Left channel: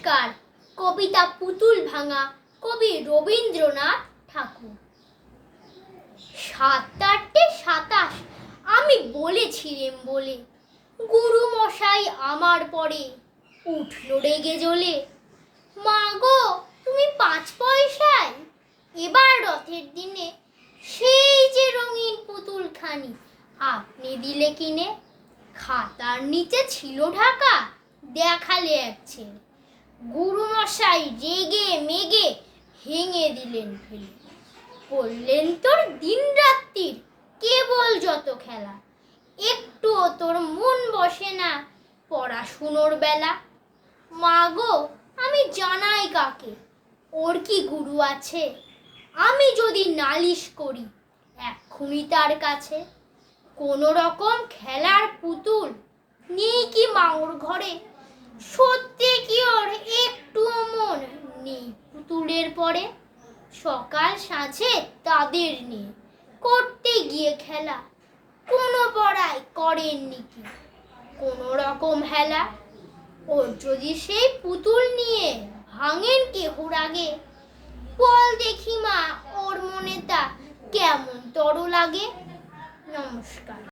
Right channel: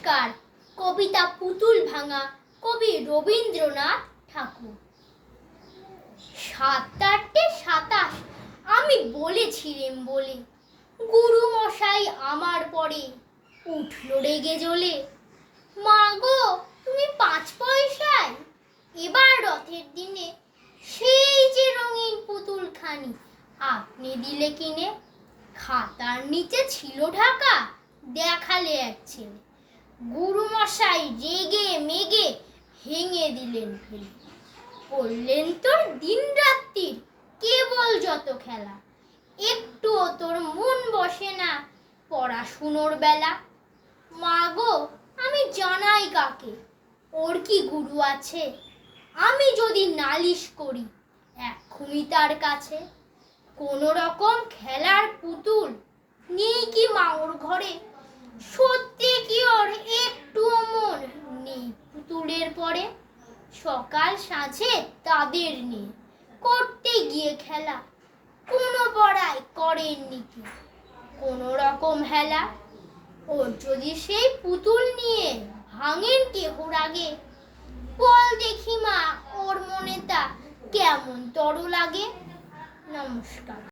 নমস্কার। কবিতা পুতুল ভাঙা, কবি রবীন্দ্রনাথ ঠাকুর। ৭-৮-২৭ আমি বলেছিলেম বলে, গুরু মশাই আমার পরে উঠল রেগে জ্বলে। মা গো, তুমি ৫ পয়সায় এবার রথের দিনে সেই যে রঙিন পুতুলখানি আপনি দিলে কিনে। খাতার নিচে ছিল ঢাকা, দেখালে এক ছেলে। গুরু মশাই রেগে মেগে ভেঙে দিলেন ফেলে। বললেন, তোর দিন রাত্রির কেবল যত খেলা, একটুও তোর মন বসে না পড়াশুনোর বেলা। মা গো, আমি জানাই কাকে, ওর কি গুরু আছে? আমি যদি নালিশ করি এক্ষুনি তার কাছে। কোন রকম খেলার পুতুল নেই কি মা ওর ঘরে? সত্যি কি ওর একটুও মন নেই পুতুলের পরে? সকাল সাঁঝে তাদের নিয়ে করতে গিয়ে খেলা, কোনো পড়ায় করেননি কি কোন রকম হেলা? ওর যদি সেই পুতুল নিয়ে ভাঙেন কেহর আগে, বল দেখি মা, ওর মনে তা কেমন তর লাগে। নমস্কার।